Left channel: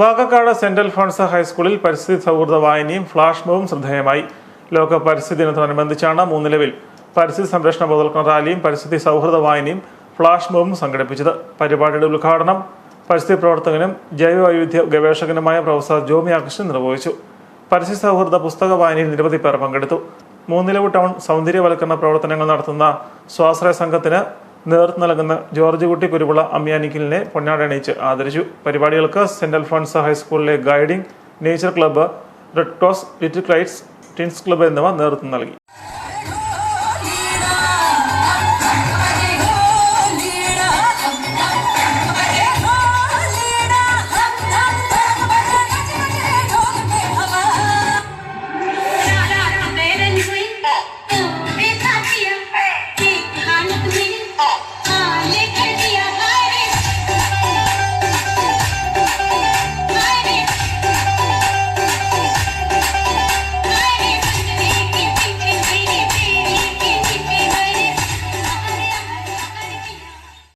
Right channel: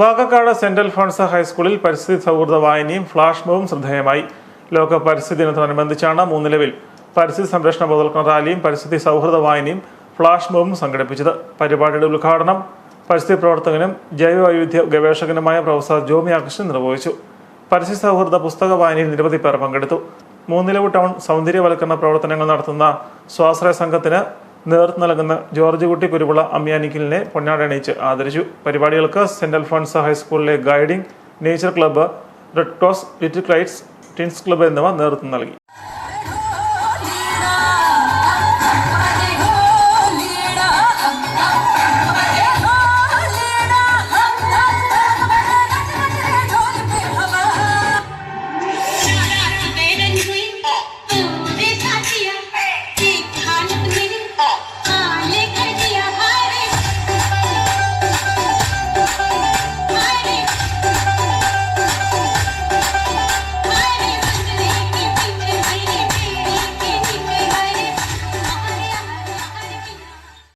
Vakakkad saint Alphons ഹൈസ്കൂളിൽ പരിസ്ഥിതി സൗഹൃദ വായനയും ഫ്ലാഷ് മോബും ശ്രദ്ധേയമായി. ലോക പരിസ്ഥിതി ദിനത്തോടനുബന്ധിച്ചാണ് മൂന്നിലവിൽ പരിസ്ഥിതി സംരക്ഷണ ബോധവൽക്കരണ റാലിയും പരിസ്ഥിതി സൗഹൃദ വായനയും ഫ്ലാഷ് മോബും സംഘടിപ്പിച്ചത്. പരിപാടിയുടെ ഉദ്ഘാടനം പരിസ്ഥിതി പ്രവർത്തകനും ജൈവ വൈവിധ്യ ഗവേഷകനുമായ പ്രൊഫസർ ജോമി ആകൃഷ്ണൻ നിർവഹിച്ചു. പരിസ്ഥിതി സൗഹൃദ പുസ്തക വായനയിൽ നിരവധി പേർ പങ്കെടുത്തു. മൂന്നിലവ് ടൗൺ സൗന്ദര്യവൽക്കരണ പ്രവർത്തനങ്ങൾ നടത്തുന്ന സ്വാശ്രയ സംഘത്തിന് നേതൃത്വം നൽകുന്ന ജോർജ് കുട്ടി കുരുവിള അമ്യാനിക്കലിനെ പൊന്നാടണിയിച്ച് ആദരിച്ചു. പരിപാടികൾക്ക് സെന്റ് അൽഫോൺസ് ഹൈസ്കൂളിലെ guiding, nature club, red cross, little ക്രൈറ്റ്സ്, ടിൻസ് club എന്നിവ നേതൃത്വം നൽകി.